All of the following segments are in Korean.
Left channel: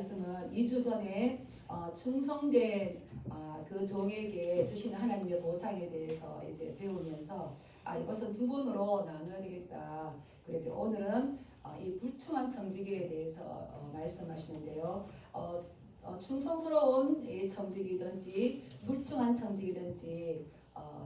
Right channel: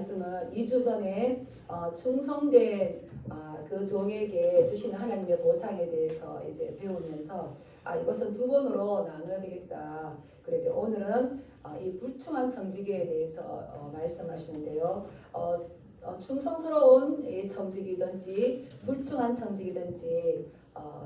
말씀은 2주 전에 충성된 그 종에게 주시는 하나님의 보상에 대해서 이제 배우면서 이것은 두 번으로 나눠야 되겠다. 그래서 오늘은 이 불충한 청지기에 대해서 말씀하시는데요. 충성스러운 이 청지기든지 불충한 청지기든지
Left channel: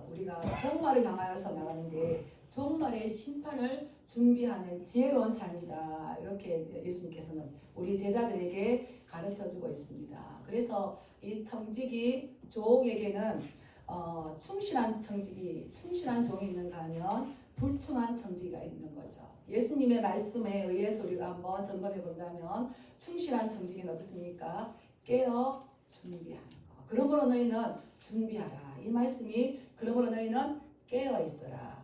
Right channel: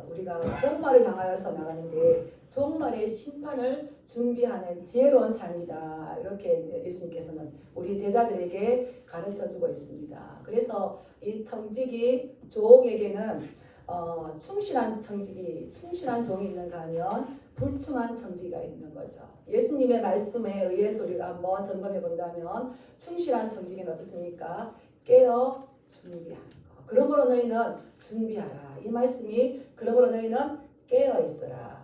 우리가 종말을 향하여서 나가는데 종말의 심판을 준비하는 지혜로운 삶이다. 이렇게 예수님께서는 우리 제자들에게 가르쳐주고 있습니다. 그래서 이 청지기 종에게는 충실한 청지기, 충실한 종이 있는가 하면 불충한 청지기가 있는 거죠. 예수님의 말씀에 의해서 우리가 한번 점검해 본다면 충실한 청지기는 어떻습니까? 깨어 준비하는 거. 그러므로 너희는 준비하라. 이 말씀이 그러므로 너희는 깨어 있어라.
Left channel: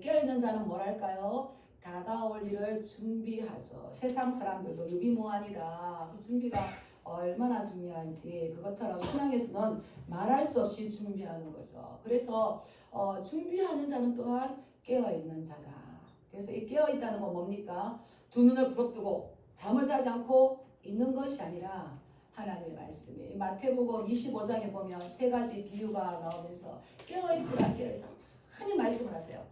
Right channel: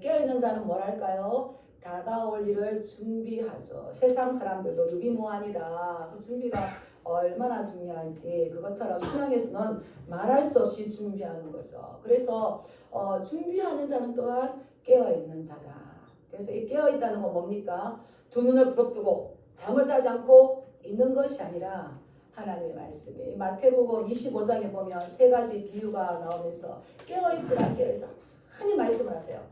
깨어 있는 자는 뭐랄까요? 다가올 일을 준비하죠. 세상 사람들도 유비무환이다. 그 준비가 얼마나 중요한지 그것처럼 신앙에서는 말할 수 없이 준비하는 거죠. 그래서 준비하는 자는 또한 깨어 있는 자다. 그래서 이 깨어 있다는 건 뭡니까? 두 눈을 부릅뜨고 잠을 자지 않고 있는 것이 아니라 하나님의 말씀이 마태복음 25장에 보면 세 가지 비유가 나오면서 깨어 있으라 깨어 있어 많이 말씀을 하세요.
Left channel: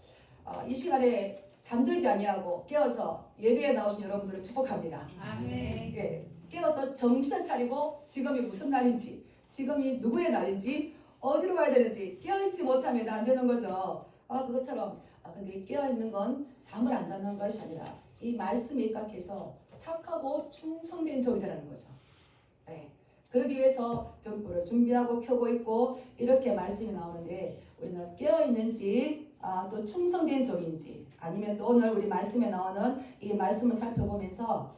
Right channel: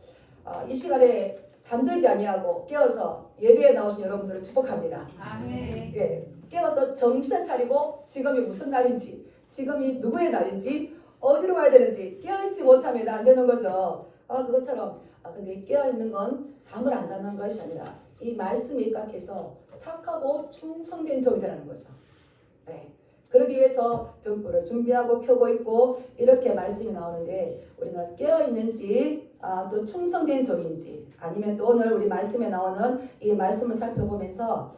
이 시간에 잠들지 아니하고 깨어서 예배에 나오신 여러분들을 축복합니다. 아멘. 예, 깨어서 정신 차리고 지금이 무슨 날인지, 지금이 누구의 날인지, 어디로 가야 되는지 깨어있지 못하면 안 되는 거죠. 그것처럼 근데 깨어있는 건 잠을 안 자는 것이 아니라 이 말씀에 입각해서 착하고 충성된 종이 되라는 거죠. 네. 그러기 위해서 등불을 준비하고 켜고 있고 이렇게 말씀이 나오는데 우리는 깨어있는지 또 충성된 종인지 아니면 또 오늘 우리 말씀에 나오는 이 말씀을 살펴보면서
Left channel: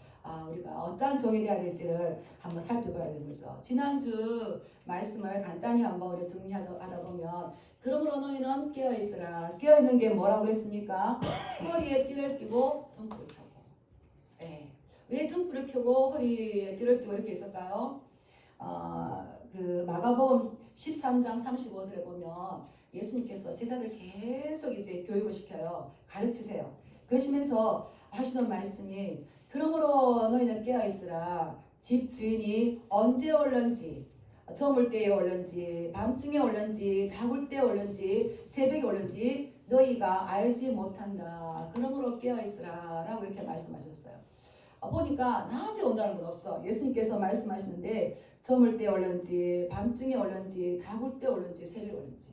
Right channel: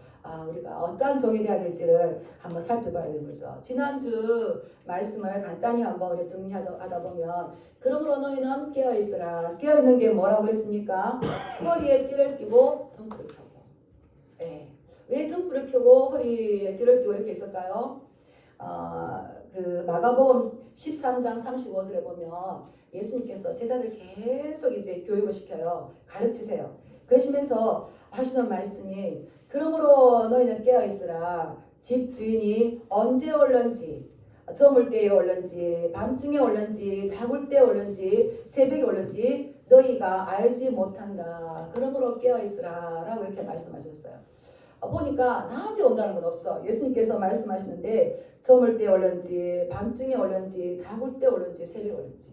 우리가 어떠한 종이 되어야 될지를 한번 살펴봐야 되는 거죠. 지난주 말씀을 간단히 한번 우리 정리하다 보면 그러므로 너희는 깨어있으라. 깨어있는 게 뭐라고 그랬습니까? 허리에 띠를 띠고 등불을 켜고. 네. 왜 등불을 켜고 허리에 띠를 띠고 이렇게 있을까요? 그 마가복음 13장 35절에 보면 예수님께서 제자들 계속 이제 교육을 시켜요. 가르치세요. 그러시면서 하시는 말씀이 그러므로 너희는 깨어있으라. 집 주인이 언제 올는지 저물 때에 올는지 밤중에 올는지 다굴 때에 올는지 새벽에 올는지 너희가 알지 못한다. 그러므로 깨어있으라 라고 이렇게 말씀하셨어요. 보니까 낮에 온다는 건 없어. 예수님께서 말씀하시는데 저물 때 올는지 밤중에 올는지 다굴 때 올는지 새벽에 올는지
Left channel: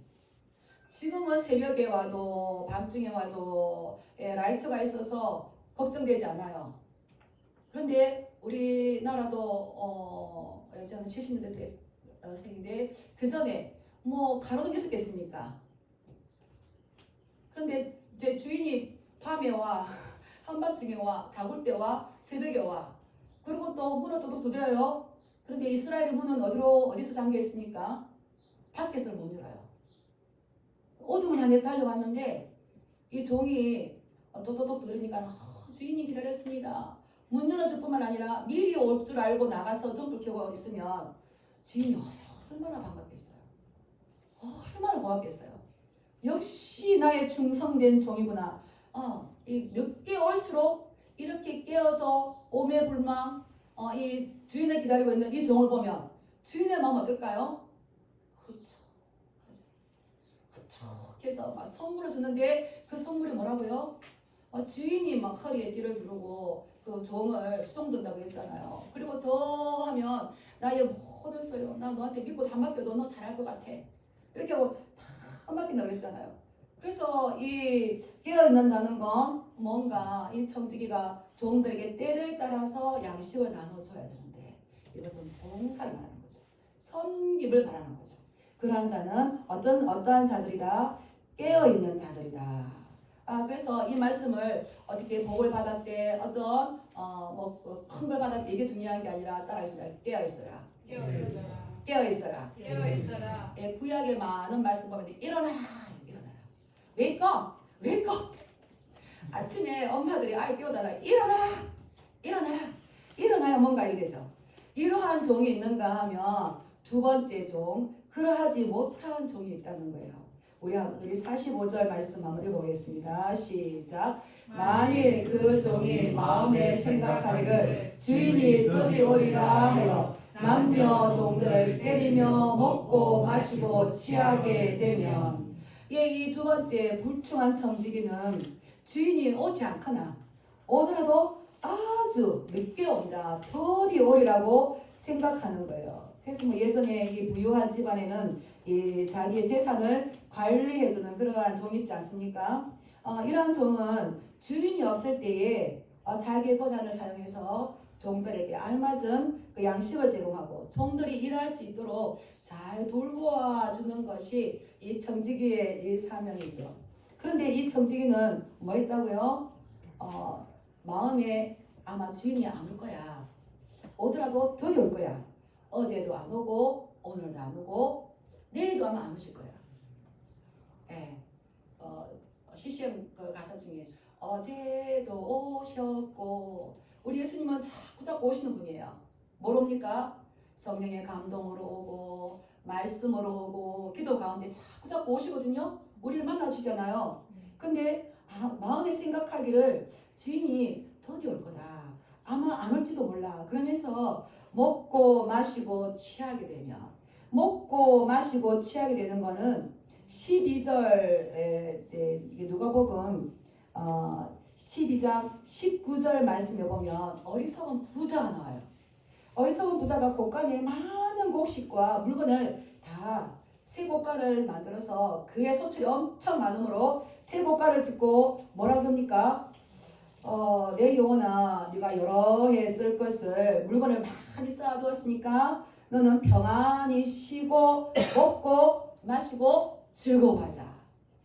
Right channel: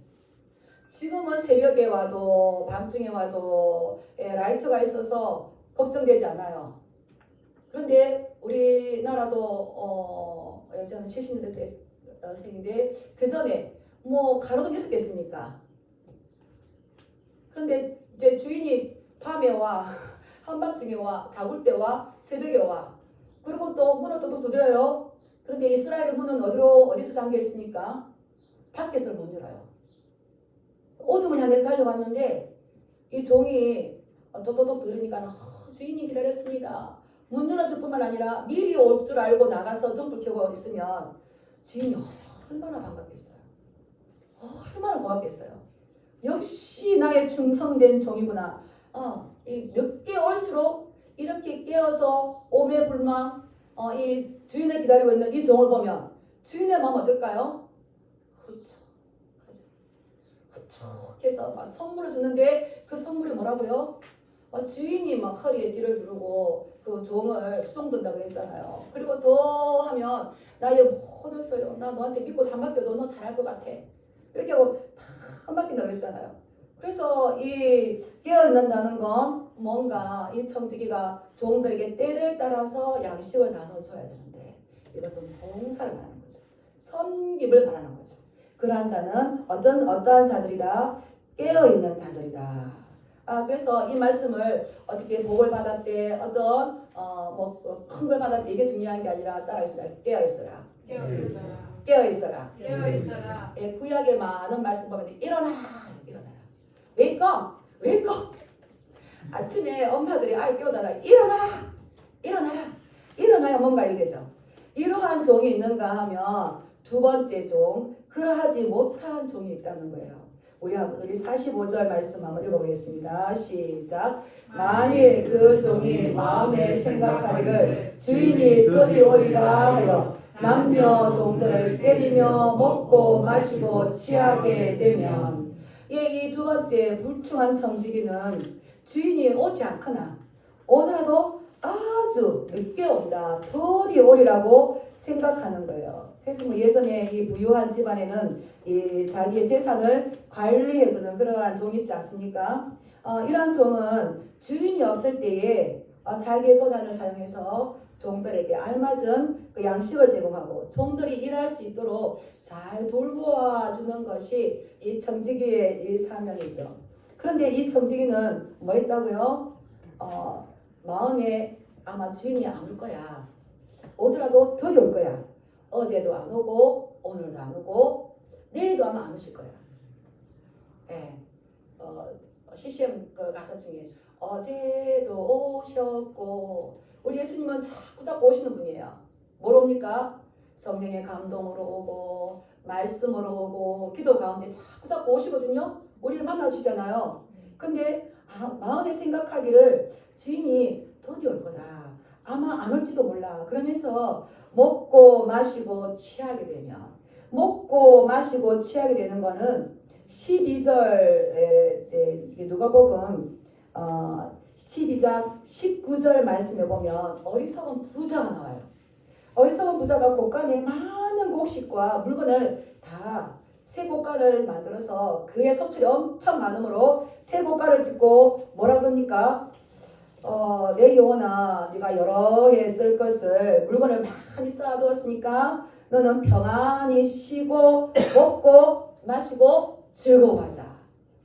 지금은 새벽에 와도 밤중에 와도 라이트가 있어서 걱정되지 않아요. 그런데 우리나라도 저는 70년대 때 생인데 그 전에 뭐 가로등이 있었겠습니까? 그런데 이제 주인이 밤에 와 한밤중에 와 다굴 때 와 새벽에 와 그리고 또 문을 또 두드려요. 그런데 이스라엘의 문은 어디서 잠겨 있습니까? 밖에서 못 열어요. 어둠을 향해서 달려왔는데 이 종이 또또또 두드리니까 주인이 기다렸습니다. 문 열어줄 뿐만 아니라 미리 올 줄 알고 나가서 등불 켜고 있으면 주인이 얼마나 반갑겠어요. 얼마나 고맙겠어요. 역시 나의 충성된 종이구나. 이 늦게 올수록 이렇게 깨어서 오매불망 이 주인을 기다리고 있는 이 종을 보면 주인의 마음 어떨까요? 후촉해서 막 선물을 주는데 그 선물이 뭐라고요? 주인이 막 허리에 띠를 두르고 그 종을 수종든다고 그랬잖아요. 그리고 또 하면 나의 모든 소용 나 너한테 믿고 다 맡겨도 너 잘할 것 같아. 이렇게 하고 다 맡긴다고 그랬잖아요. 그래서 이 깨어있는다는 건 뭔가 이 청지기가 종들에게 때를 따라서 양식을 나눠줘야 되는데 이것은 봉사를 말하는 거죠. 섬김을 말하는 거죠. 그러한 자는 어떠한 자들이다? 깨어있는 자들이다. 그래서 이 말씀을 어떻게 복을 받았대 어떤 큰 걸 받았대 이게 중요한 게 아니라 따라하시라. 깨어있어라. 깨어있어라. 깨어있어라. 구약의 많은 말씀 보면 일어나라. Wake up! Wake up! 아침에 엄마들이 아이 깨우잖아. 일어나야 뭔가 이래죠. 이러한 종이 있는가 하면 두 번째 종, 그러하지 못한 종이 있다는 거예요. 우리 45절 말씀 한번 읽어보겠습니다. 시작. 만일 그 종이 마음에 생각하기를 주인이 그리 오리라 하여 남녀 종들을 때리며 먹고 마시고 취하게 되면, 이 두 번째 불충한 청지기는 주인이 오지 않거나 오더라도 아주 늦게 온다, 더디 오리라고 생각하는 거예요. 그래서 뭐 예전에 이 부유한 집안에는 이 자기의 재산을 관리해주는 그러한 종이 있지 않습니까? 이러한 종은 주인이 없을 때에 자기의 권한을 사용해서 종들에게 알맞은 그 양식을 제공하고 종들이 일할 수 있도록 잘 돌보아 주는 것이 이 청지기의 이 사명이죠. 그런데 이 청지기는 뭐 했다고요? 마음에 아마 주인이 안 올 거야. 오더라도 더디 올 거야. 어제도 안 오고 오늘도 안 오고 내일도 아마 안 오실 거야. 네. CCM 그 가사 중에 어제도 오셨고, 우리 예수님은 자꾸 오시는 분이에요. 뭘 옵니까? 성령의 감동으로 오고 말씀으로 오고 기도 가운데 자꾸 오시거든요. 우리를 만나주잖아요. 근데 마음에 생각하기를 주인이 더디 올 거다, 아마 안 올지도 몰라. 그러면서 먹고 마시고 취하게 되면, 먹고 마시고 취하게 되는 거는 12절에 이제 누가복음 12장 19절 말씀에 보면 어리석은 부자가 나와요. 어리석은 부자가 곳간에 많은 곡식과 물건을 다 새 곳간을 만들어서 그의 소출이 엄청 많으므로 새 곳간을 짓고 뭐라 그러니까 내 영혼아, 네가 여러 해 쓸 것을 물건을 많이 쌓아두었으니까 너는 평안히 쉬고 먹고 마시고 즐거워하자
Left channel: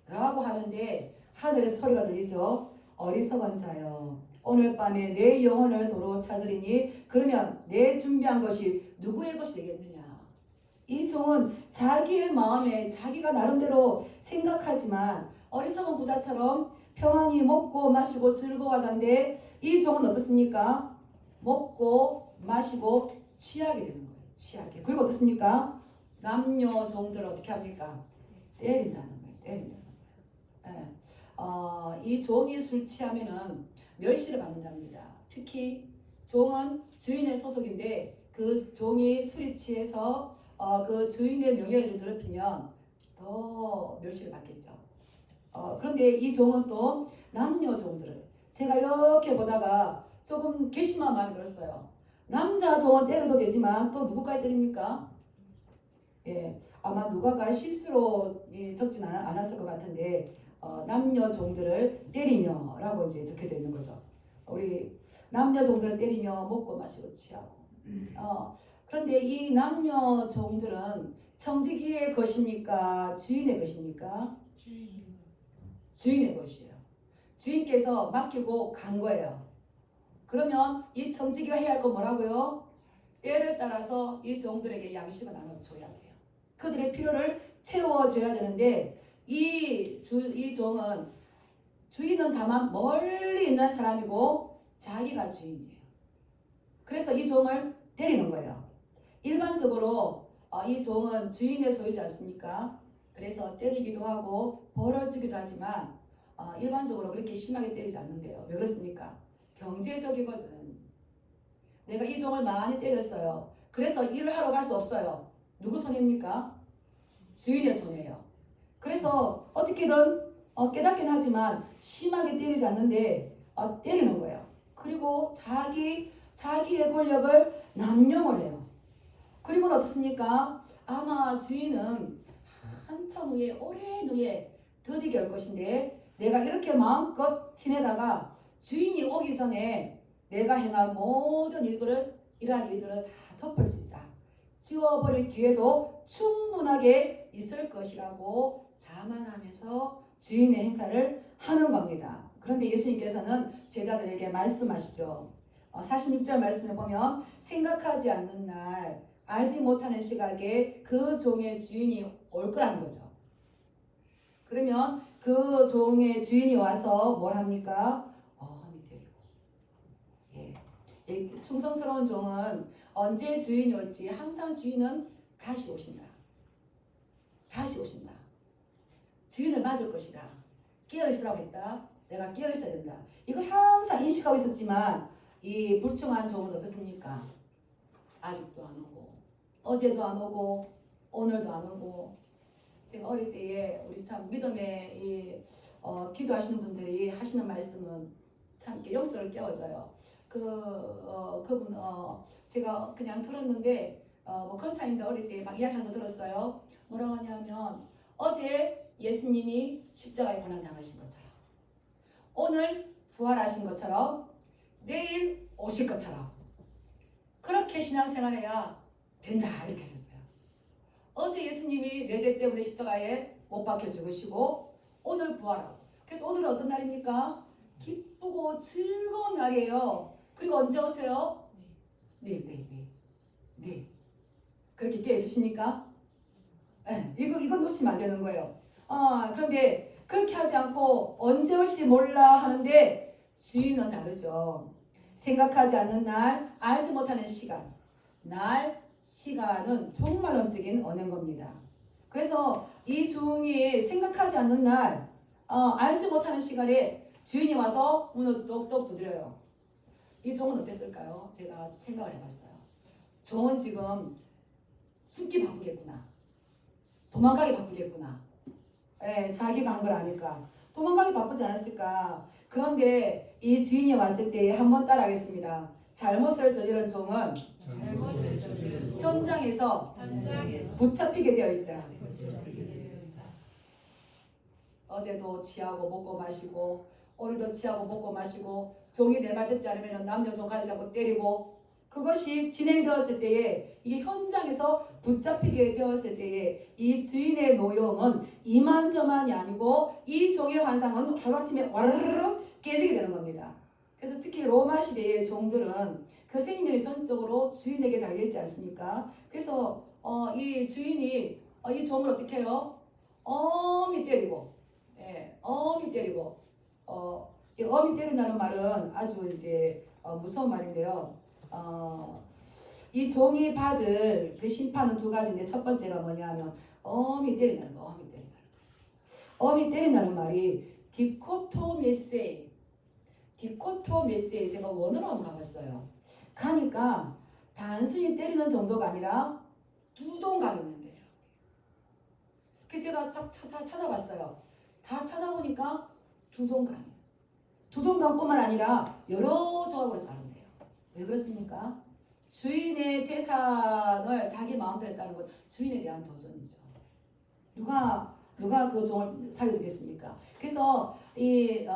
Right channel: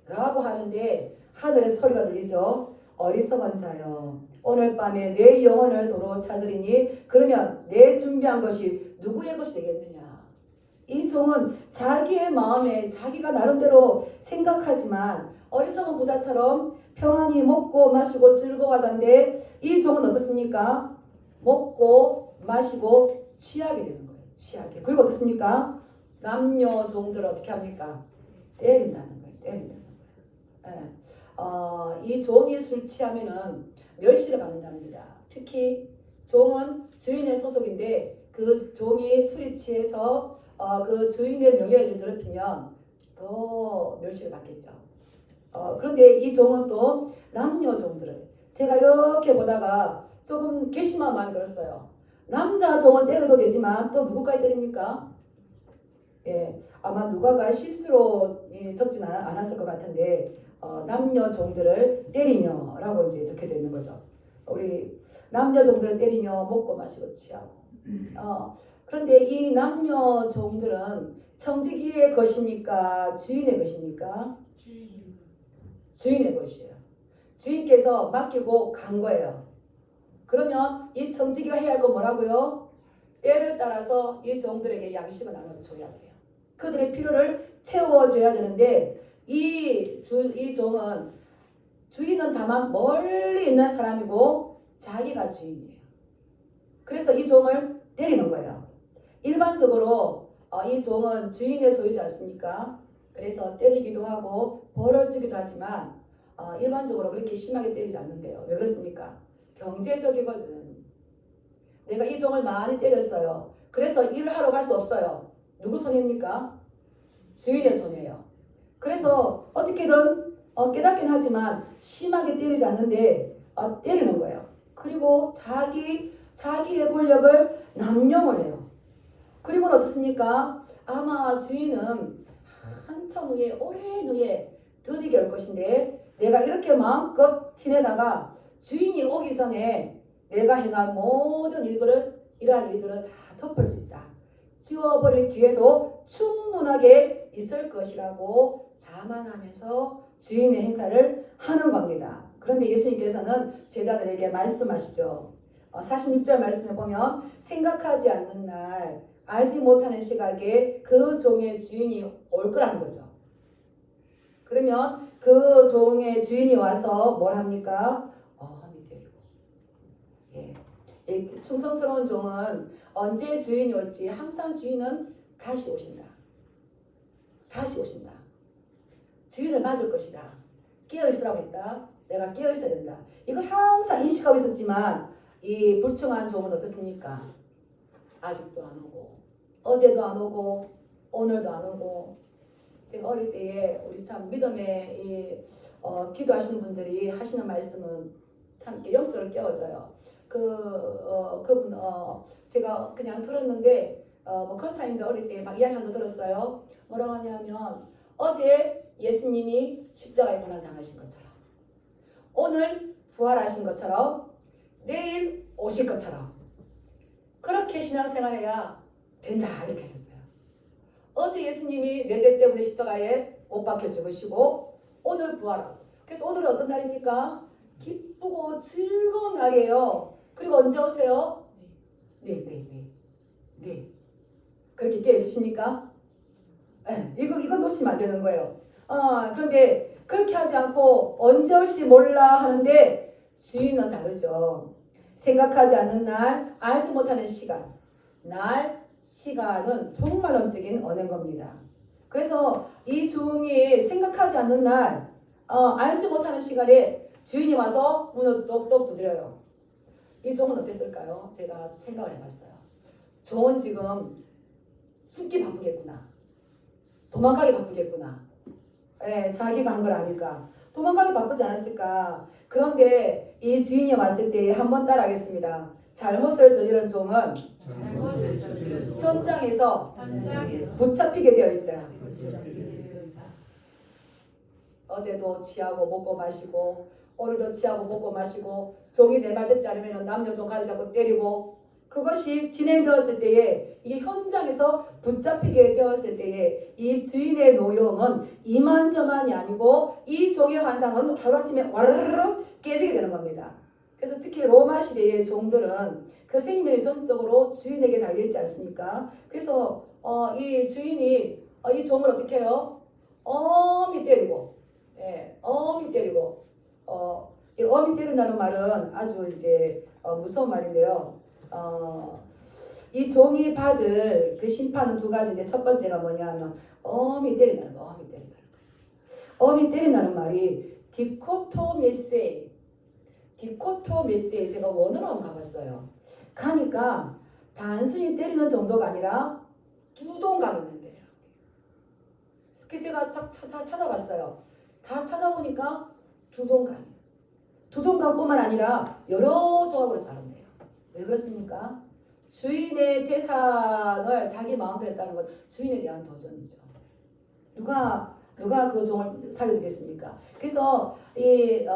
라고 하는데, 하늘의 소리가 들리죠. 어리석은 자여, 오늘 밤에 내 영혼을 도로 찾으리니 그러면 내 준비한 것이 누구의 것이 되겠느냐. 이 종은 자기의 마음에 자기가 나름대로 생각하지만 어리석은 부자처럼 평안히 먹고 마시고 즐거워하자인데, 이 종은 어떻습니까? 먹고 마시고 취하게 되는 거예요. 취하게. 그리고 어떻습니까? 남녀 종들을 어떻게 합니까? 때린다는 거예요. 때린다. 예. 이 종이 술 취하면은 멸시를 받는답니다. 특히 종은 주인의 소속인데 그 종이 술이 취해서 그 주인의 명예를 더럽히면 더 멸시를 받겠죠. 그런데 이 종은 또 남녀 종들을, 제가 이렇게 보다가 조금 괘씸한 마음이 들었어요. 남자 종은 때려도 되지만 또 누구까지 때립니까? 예, 아마 누가가 실수로 적지는 않았을 것 같은데 남녀 종들을 때리며 라고 이제 적혀져 있는 거죠. 우리 남녀 종들을 때리며 먹고 마시고 취하고. 그런데 이 남녀 종들은 청지기의 것입니까? 주인의 것입니까? 주인의 것이에요. 주인께서 맡기고 간 거예요. 그러면 이 청지기가 해야 할 건 뭐라고요? 때를 따라서 이 종들에게 양식을 나눠줘야 돼요. 그들의 필요를 채워줘야 되는데 이 종은, 주인은 다만 멀리 있는 사람이고 자기가 주인이에요. 그래서 이 종을 때리는 거예요. 일반적으로 이 종은 주인의 소유지 않습니까? 그래서 때리기도 하고 벌을 주기도 하지만 일반적으로 그렇게 심하게 때리지 않는데요. 왜 그렇습니까? 경제적이거든. 내가 이 종을 많이 때렸어요. 그래서 일을 하러 갈 수 없어요. 누구 손입니까? 주인의 손이에요. 그래서 어떻게든 깨닫긴 하지만 심하게 때리지 않는데 때리는 거예요. 그리고 자기의 권력을 남용을 해요. 그리고 어떻습니까? 아마 주인은 한참 후에, 오랜 후에 더디게 올 것인데, 내가 이렇게 마음껏 지내다가 주인이 오기 전에 내가 행한 모든 이러한 일들을 다 덮을 수 있다, 지워버릴 기회도 충분하게 있을 것이라고 자만하면서 주인의 행사를 하는 겁니다. 그런데 예수님께서는 제자들에게 말씀하시죠. 46절 말씀에 보면 생각하지 않는 날, 알지 못하는 시각에 그 종의 주인이 올 거라는 거죠. 그러면 그 종의 주인이 와서 뭘 합니까? 예. 충성스러운 종은 언제 주인이 올지 항상 주인은 다시 오신다. 다시 오신다. 주인을 맞을 것이다. 깨어있으라고 했다. 내가 깨어있어야 된다. 이걸 항상 인식하고 있었지만 이 불충한 종은 어떻습니까? 아직도 안 오고 어제도 안 오고 오늘도 안 오고. 제가 어릴 때에 우리 참 믿음의 기도하시는 분들이 하시는 말씀은 참 영적으로 깨워져요. 그분 제가 그냥 들었는데 뭐 권사님들 어릴 때 막 이야기하는 거 들었어요. 뭐라고 하냐면 어제 예수님이 십자가에 고난 당하신 것처럼 오늘 부활하신 것처럼 내일 오실 것처럼 그렇게 신앙생활해야 된다 이렇게 하셨어요. 어제 예수님이 내 죄 때문에 십자가에 못 박혀 죽으시고 오늘 부활하고. 그래서 오늘은 어떤 날입니까? 기쁘고 즐거운 날이에요. 그리고 언제 오세요? 네. 그렇게 깨어 있으십니까? 네, 이거 놓치면 안 되는 거예요. 그런데 그렇게 하지 않고 언제 올지 몰라 하는데 주인은 다르죠. 생각하지 않는 날, 알지 못하는 시간, 시간은 정말 엄적인 언어인 겁니다. 그래서 이 종이 생각하지 않는 날, 알지 못하는 시간에 주인이 와서 문을 똑똑 두드려요. 이 종은 어땠을까요? 제가 생각을 해봤어요. 종은 지금 숨기 바쁘겠구나. 도망가기 바쁘겠구나. 자기가 한 걸 아니까. 도망가기 바쁘지 않았을까. 그런데 이 주인이 왔을 때 한번 따라하겠습니다. 잘못을 저지른 종은 현장에서 붙잡히게 되어 있다. 어제도 취하고 먹고 마시고 오늘도 취하고 먹고 마시고 종이 내 말 듣지 않으면 남녀 종가를 잡고 때리고 그것이 진행되었을 때에 이게 현장에서 붙잡히게 되었을 때에 이 주인의 노여움은 이만저만이 아니고 이 종의 환상은 하루아침에 와르르 깨지게 되는 겁니다. 그래서 특히 로마 시대의 종들은 그 생명이 전적으로 주인에게 달려있지 않습니까? 그래서 이 주인이 이 종을 어떻게 해요? 어미 때리고 이 어미 때린다는 말은 아주 이제 무서운 말인데요. 이 종이 받을 그 심판은 두 가지인데 첫 번째가 뭐냐면 어미 때린다는 거. 어미 때린다는 말이 디코토메세이. 제가 원어로 한번 가봤어요. 가니까 단순히 때리는 정도가 아니라 두동강이는데요. 그래서 제가 다 찾아봤어요. 다 찾아보니까 두동강. 두동강뿐만 아니라 여러 조각으로 자른대요. 왜 그렇습니까? 주인의 재산을 자기 마음대로 했다는 건 주인에 대한 도전이죠. 누가 그 종을 살려주겠습니까? 그래서 이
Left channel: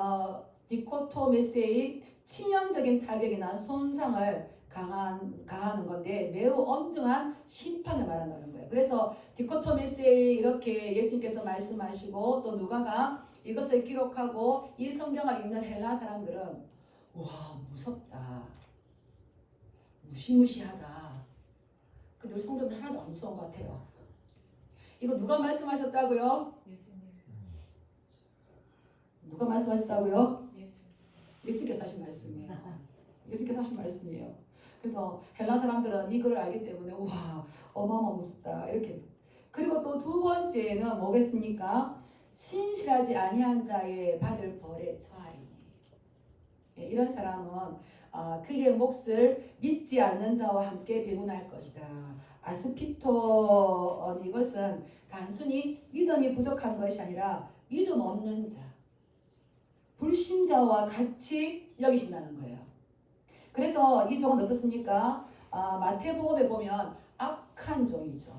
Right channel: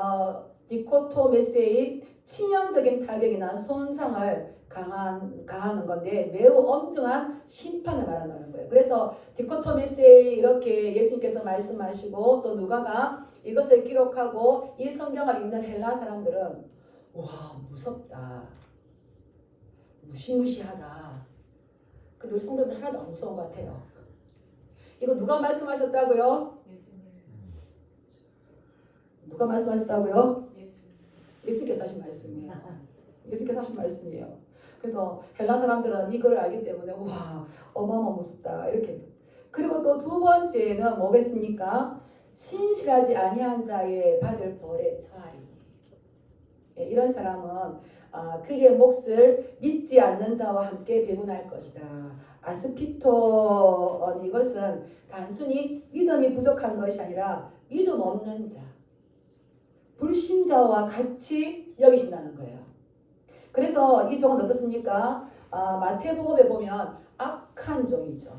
디코토메세의 치명적인 타격이나 손상을 가하는 건데 매우 엄중한 심판을 말한다는 거예요. 그래서 디코토메세의 이렇게 예수님께서 말씀하시고 또 누가가 이것을 기록하고 이 성경을 읽는 헬라 사람들은 와 무섭다. 무시무시하다. 근데 우리 성도는 하나도 안 무서운 것 같아요. 이거 누가 말씀하셨다고요? 누가 말씀하셨다고요? 예수님께서 하신 말씀이에요. 예수님께서 하신 말씀이에요. 그래서 헬라 사람들은 이거를 알기 때문에 와 어마어마 무섭다 이렇게. 그리고 또 두 번째는 뭐겠습니까? 신실하지 아니한 자의 받을 벌에 처하리. 이런 사람은 그의 몫을 믿지 않는 자와 함께 배분할 것이다. 아스피토 이것은 단순히 믿음이 부족한 것이 아니라 믿음 없는 자, 불신자와 같이 여기신다는 거예요. 그래서 이 종은 어떻습니까? 마태복음에 보면 악한 종이죠.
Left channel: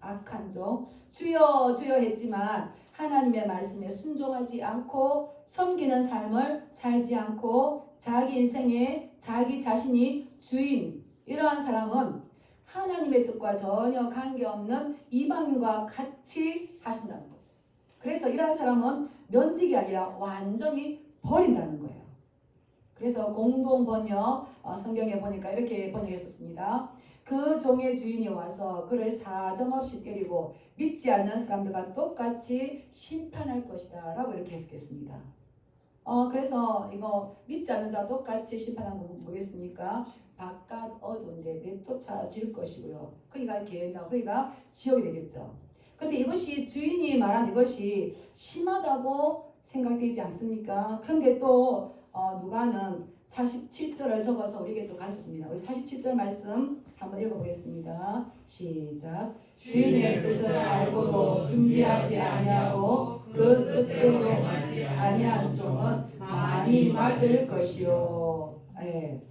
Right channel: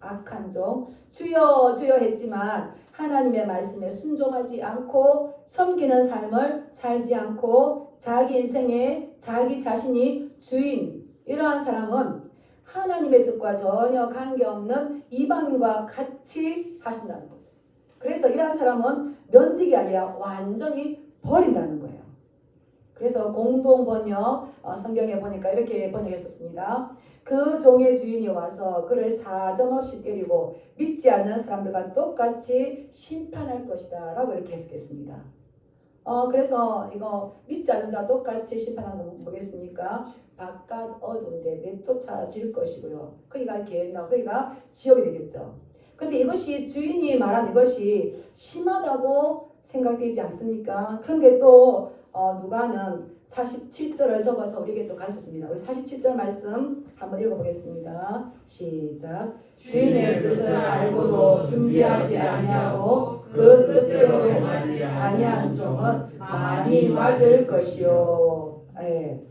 악한 종. 주여 주여 했지만 하나님의 말씀에 순종하지 않고 섬기는 삶을 살지 않고 자기 인생에 자기 자신이 주인. 이러한 사람은 하나님의 뜻과 전혀 관계없는 이방인과 같이 하신다는 거죠. 그래서 이러한 사람은 면직이 아니라 완전히 버린다는 거예요. 그래서 공동 번역 성경에 보니까 이렇게 번역했었습니다. 그 종의 주인이 와서 그를 사정없이 때리고 믿지 않는 사람들과 똑같이 심판할 것이다 라고 이렇게 해석했습니다. 그래서 이거 믿지 않는 자 똑같이 심판하는 건 뭐겠습니까? 바깥 어두운데 내쫓아질 것이고요. 그이가 지옥이 되겠죠. 근데 이것이 주인이 말한 이것이 심하다고 생각되지 않습니까? 그런데 또 누가는 47절을 적어서 우리에게 또 가르쳐줍니다. 우리 47절 말씀 한번 읽어보겠습니다. 시작. 주인의 뜻을 알고도 준비하지 아니하고 그 뜻대로 행하지 아니한 종은 많이 맞을 것이요. 네.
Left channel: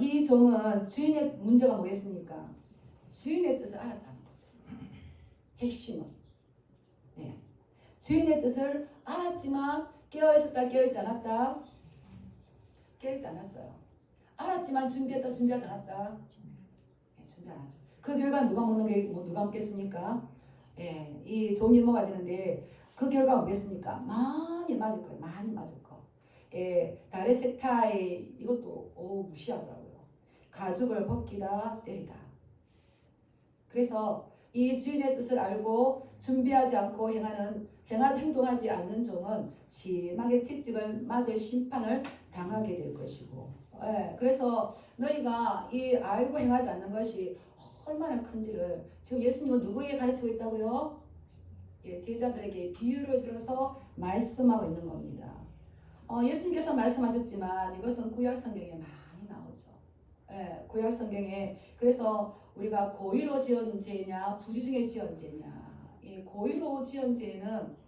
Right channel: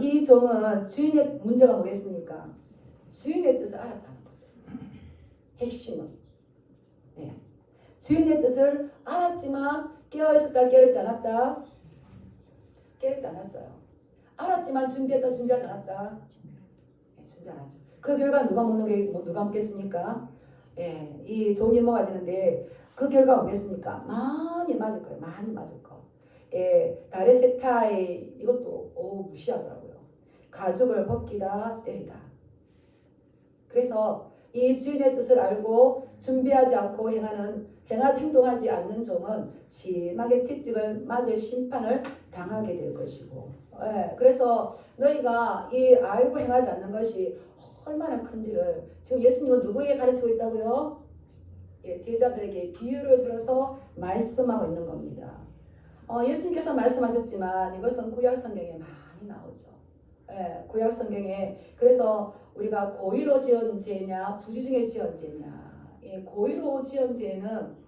이 종은 주인의 문제가 뭐겠습니까? 주인의 뜻을 알았다는 거죠. 핵심은. 네. 주인의 뜻을 알았지만 깨어있었다, 깨어있지 않았다? 깨어있지 않았어요. 알았지만 준비했다, 준비하지 않았다? 네, 준비 안 하죠. 그 결과 누가 누가 먹겠습니까? 예, 이 종이 먹어야 되는데 그 결과 뭐겠습니까? 많이 맞을 거예요. 많이 맞을 거. 예, 다레세타이 이것도 무시하더라고요. 가죽을 벗기다 때리다. 그래서 이 주인의 뜻을 알고 준비하지 않고 행동하지 않는 종은 심하게 채찍을 맞을 심판을 당하게 될 것이고, 예, 그래서 너희가 이 알고 행하지 않는 것이 얼마나 큰지를 지금 예수님은 누구에게 가르치고 있다고요? 예, 제자들에게 비유를 들어서 말씀하고 있는 겁니다. 예수님께서 말씀하셨지만 이것은 구약 성경에 많이 나오죠. 예, 구약 성경에 그래서 우리가 고의로 지은 죄냐 부주중에 지은 죄냐. 예, 고의로 지은 죄는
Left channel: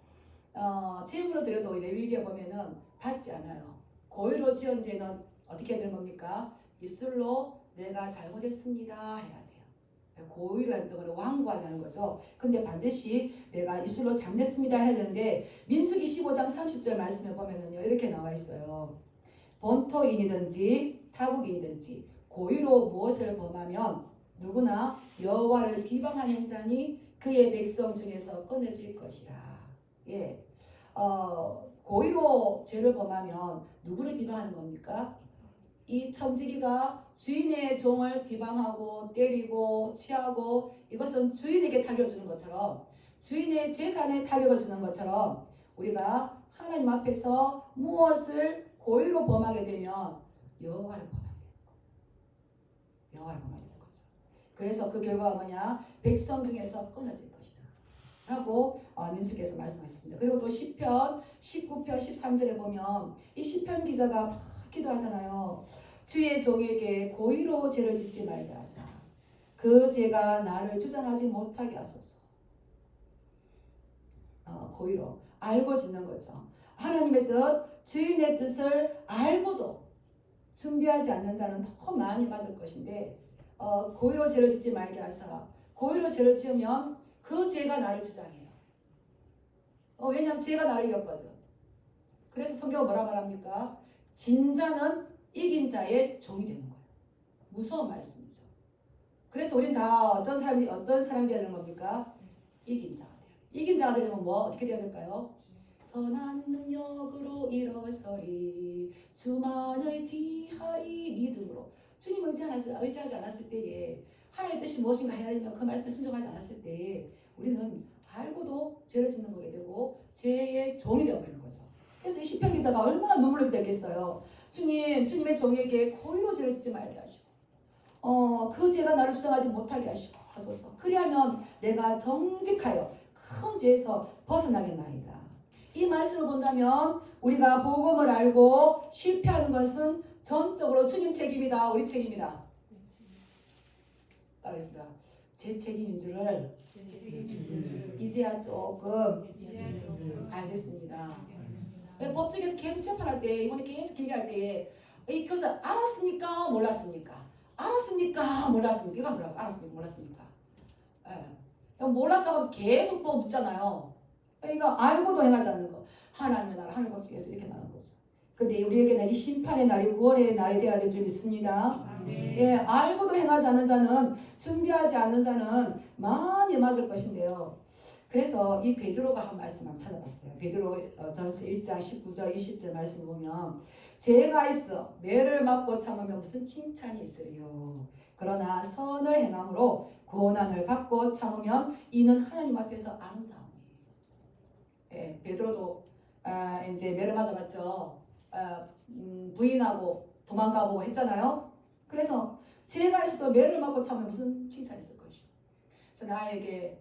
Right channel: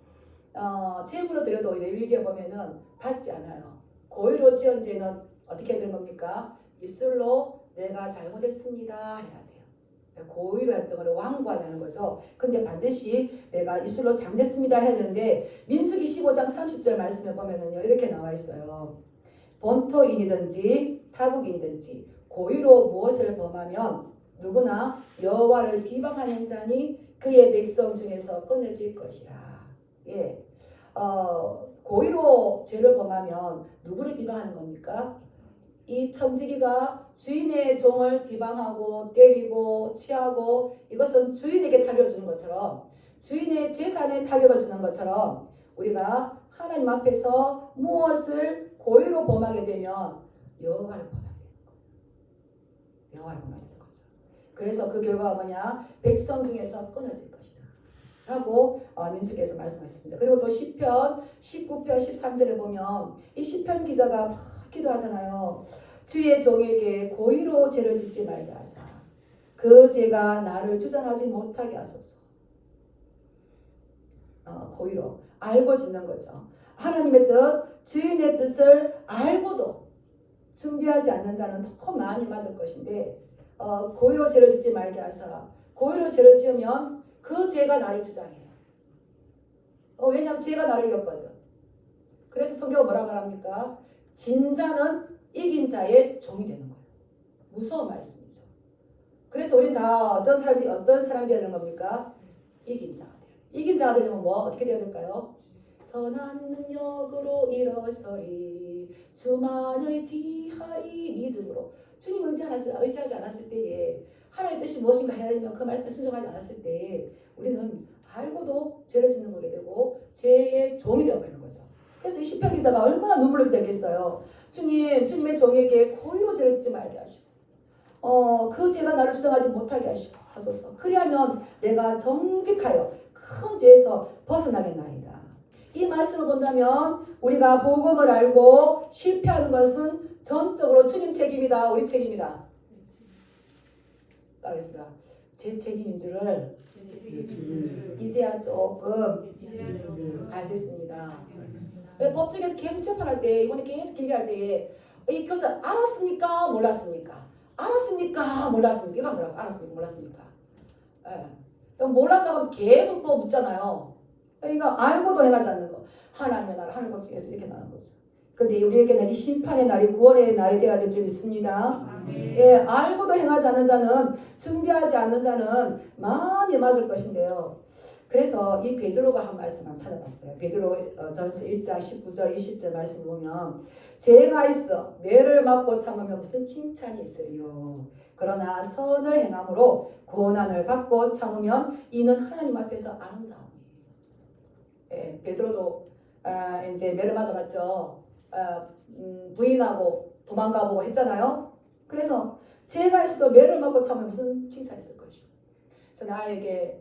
제물로 드려도 레위기에 보면은 받지 않아요. 고의로 지은 죄는 어떻게 해야 되는 겁니까? 입술로 내가 잘못했습니다 해야 돼요. 고의로 했던 걸 완고하자는 거죠. 근데 반드시 내가 입술로 잘못했습니다 해야 되는데 민수기 15장 30절 말씀에 보면은요 이렇게 나와 있어요. 본토인이든지 타국인이든지 고의로 무엇을 범하면 누구나 여호와를 비방하는 자니 그의 백성 중에서 끊어질 것이라. 예, 고의로 죄를 범하면 누구를 비방하는 겁니까? 이 청지기가 주인의 종을 비방하고 때리고 취하고 이것은 주인에게 타격을 주는 것처럼 주인의 재산에 타격을 주는 것처럼 우리가 하나님 앞에서 무엇을 고의로 범하게 되면 여호와를 범하게 돼요. 여호와를 범하게 되는 거죠. 그래서 그 결과가 뭐냐? 백성 중에서 끊어질 것이다 하고 민수기에서 말씀하셨습니다. 그리고 또 시편 19편 13절에 보면 이 시편 기자가 막 기도하잖아요. 주의 종에게 고의로 죄를 짓지 말게 하사 그 죄가 나를 주장하지 못하게 하소서. 고의로 알고 짓는 거죠. 하나님의 뜻, 주인의 뜻을 알고도 준비하지 않는 자는 더 많이 맞을 것인데 고의로 죄를 짓지 말게 하사 고의로 죄를 지으면 그 죄가 나를 주장해요. 왜냐하면 죄가 나를 이겼거든. 그래서 성경은 뭐라 말합니까? 진자는 이긴 자의 종이 되는 거예요. 무서운 말씀이죠. 그래서 우린 다 어떤 사람이 되는 겁니까? 이긴 자가 돼요. 이긴 자가 되려면 어떻게 되야 될까요? 선한 능력으로 일어서리 주만 의지하리 믿음으로. 주님 의지하지 않았을 때에 하나님의 뜻이 무엇인가 하려면 그 말씀에 순종하지 않았을 때에 우리는 알고도 죄를 짓는 거게 되고 죄의 종이 되어버리는 거죠. 그래서 이 시편 기자가 얼마나 눈물을 흘렸겠어요. 주님의 종에게 고의로 죄를 짓지 말게 하시고 그 죄가 나를 주장하지 못하게 하소서. 그리하면 내가 정직하여 큰 죄에서 벗어나겠나이다. 이 말씀을 본다면 우리가 복음을 알고 실패하는 것은 전적으로 주님 책임이다. 우리 책임이다. 따르겠습니다. 제 책임인 줄을 이제야 조금 알겠습니다. 법정에서 계속 재판할 때 이번에 계속 길게 할 때에 그것을 알았습니까? 몰랐습니까? 알았습니까? 몰랐습니까? 이거 하더라고요. 알았습니까? 몰랐습니까? 예. 몰랐다고 하면 계속 또 묻잖아요. 그러니까 알고도 행하지 않는 거. 하나님의 나라 하늘 법정에서 이렇게 말하는 거죠. 근데 우리에게는 이 심판의 날이 구원의 날이 되어야 될 줄 믿습니다. 예, 알고도 행하지 않는 자는 준비하지 않는 자는 많이 맞을 것인데요. 그래서 이 베드로가 한 말씀 한번 찾아봤어요. 베드로 전서 1장 19절 20절 말씀 보면 죄가 있어 매를 맞고 참으면 무슨 칭찬이 있으리요. 그러나 선을 행함으로 고난을 받고 참으면 이는 하나님 앞에서 아름다움이. 예, 베드로도 이제 매를 맞아봤죠. 부인하고 도망가보고 했잖아요. 그래서 죄가 있어서 매를 맞고 참으면 무슨 칭찬이 있을 것이요. 그래서 나에게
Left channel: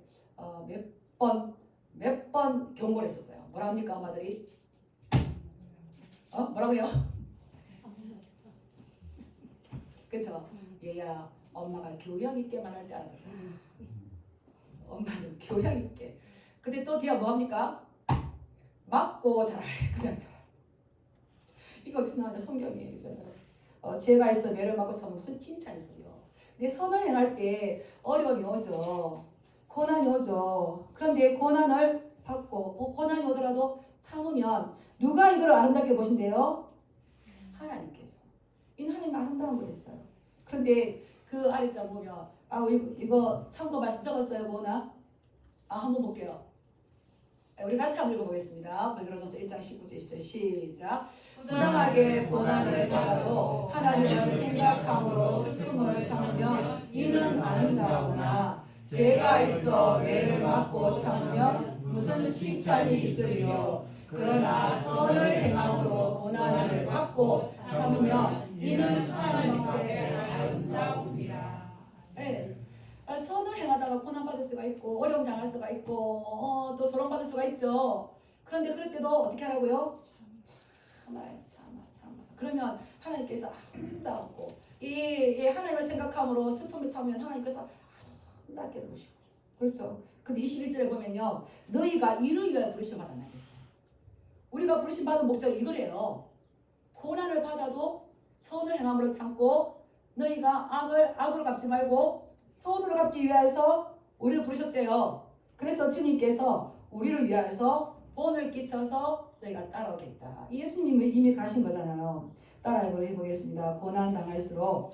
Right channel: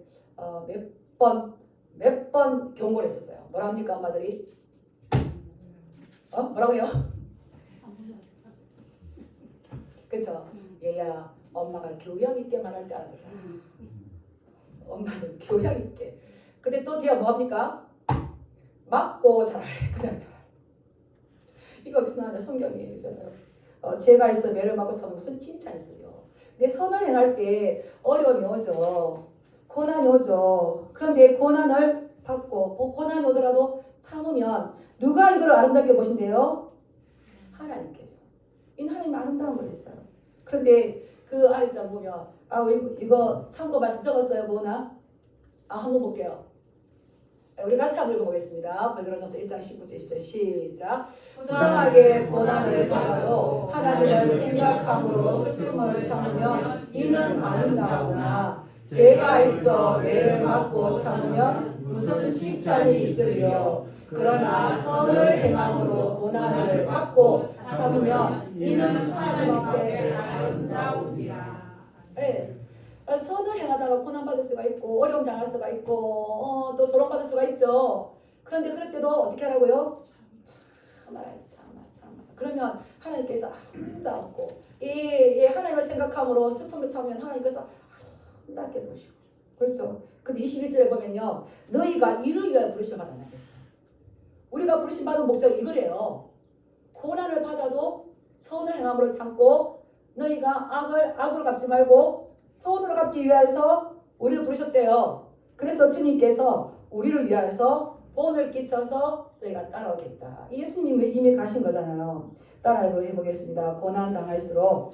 몇 번 경고를 했었어요. 뭐라 합니까 엄마들이? 뭐라고요? 그쵸? 얘야 엄마가 교양 있게 말할 때 알아듣다. 엄마는 교양 있게. 근데 또 뒤에 뭐 합니까? 맞고 잘하래. 그냥 잘하래. 이거 어디서 나오냐? 성경의 얘기잖아요. 죄가 있어 매를 맞고 참으면 무슨 칭찬이 있어요. 내 선을 행할 때 어려움이 오죠. 고난이 오죠. 그런데 고난을 받고 고난이 오더라도 참으면 누가 이걸 아름답게 보신대요? 하나님께서. 이 하나님 아름다운 걸 했어요. 그런데 그 아래자 보면 우리 이거 참고 말씀 적었어요. 뭐나? 한번 볼게요. 우리 같이 한번 읽어보겠습니다. 베드로전서 1장 19절 20절 시작. 부당하게 고난을 받아도 하나님을 생각함으로 슬픔을 참으면 이는 아름다우나 죄가 있어 죄를 맞고 참으면 무슨 칭찬이 있으리요. 그러나 선을 행함으로 고난을 받고 참으면 이는 하나님 앞에 아름다우니라. 네. 선을 행하다가 고난받을 수가 있고 어려움 당할 수가 있고 또 조롱받을 수가 있죠. 그런데 그럴 때도 어떻게 하라고요? 참아야지 참아. 그러면 하나님께서 아름답고 이 하나님을 생각함으로 슬픔을 참으면 하나님께서 아름답게 보시고 그렇죠. 근데 21절에 보면요. 너희가 이를 위하여 부르심 받았나 했어요. 우리가 부르심 받은 목적이 이거래요. 고난을 받아도 선을 행함으로 참고 너희가 악을 갚지 말고 선으로 갚기 위해서 우리를 부르셨대요. 그래서 주님께서 우리를 위하여서 본을 끼쳐서 너희가 따라오겠다. 예수님이 이미 가신 거잖아요. 따라 해보겠습니다. 고난 당할수록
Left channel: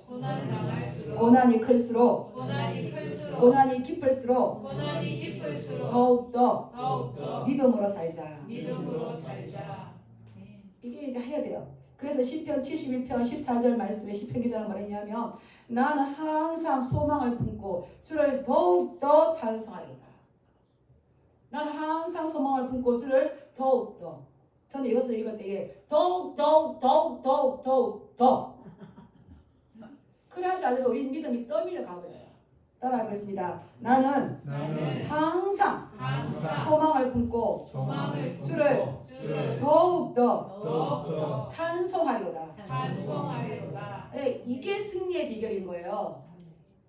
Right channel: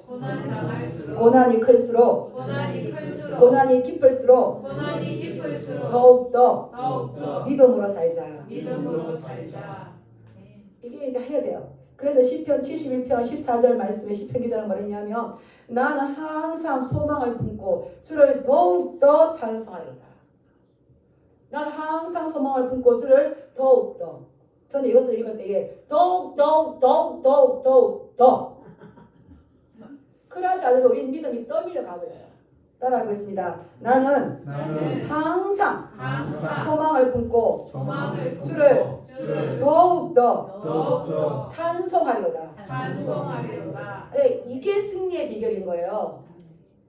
고난이 클수록 고난이 깊을수록 더욱더 믿음으로 살자. 이게 이제 해야 돼요. 그래서 시편 71편 14절 말씀에 시편 기자는 뭐랬냐면 나는 항상 소망을 품고 주를 더욱더 찬송하리로다. 나는 항상 소망을 품고 주를 더욱더. 저는 이것을 읽을 때에 더욱 그러지 않으면 우리 믿음이 떠밀려 가버려요. 따라하겠습니다. 나는 항상 소망을 품고 주를 더욱더 찬송하리로다. 네, 이게 승리의 비결인 거예요.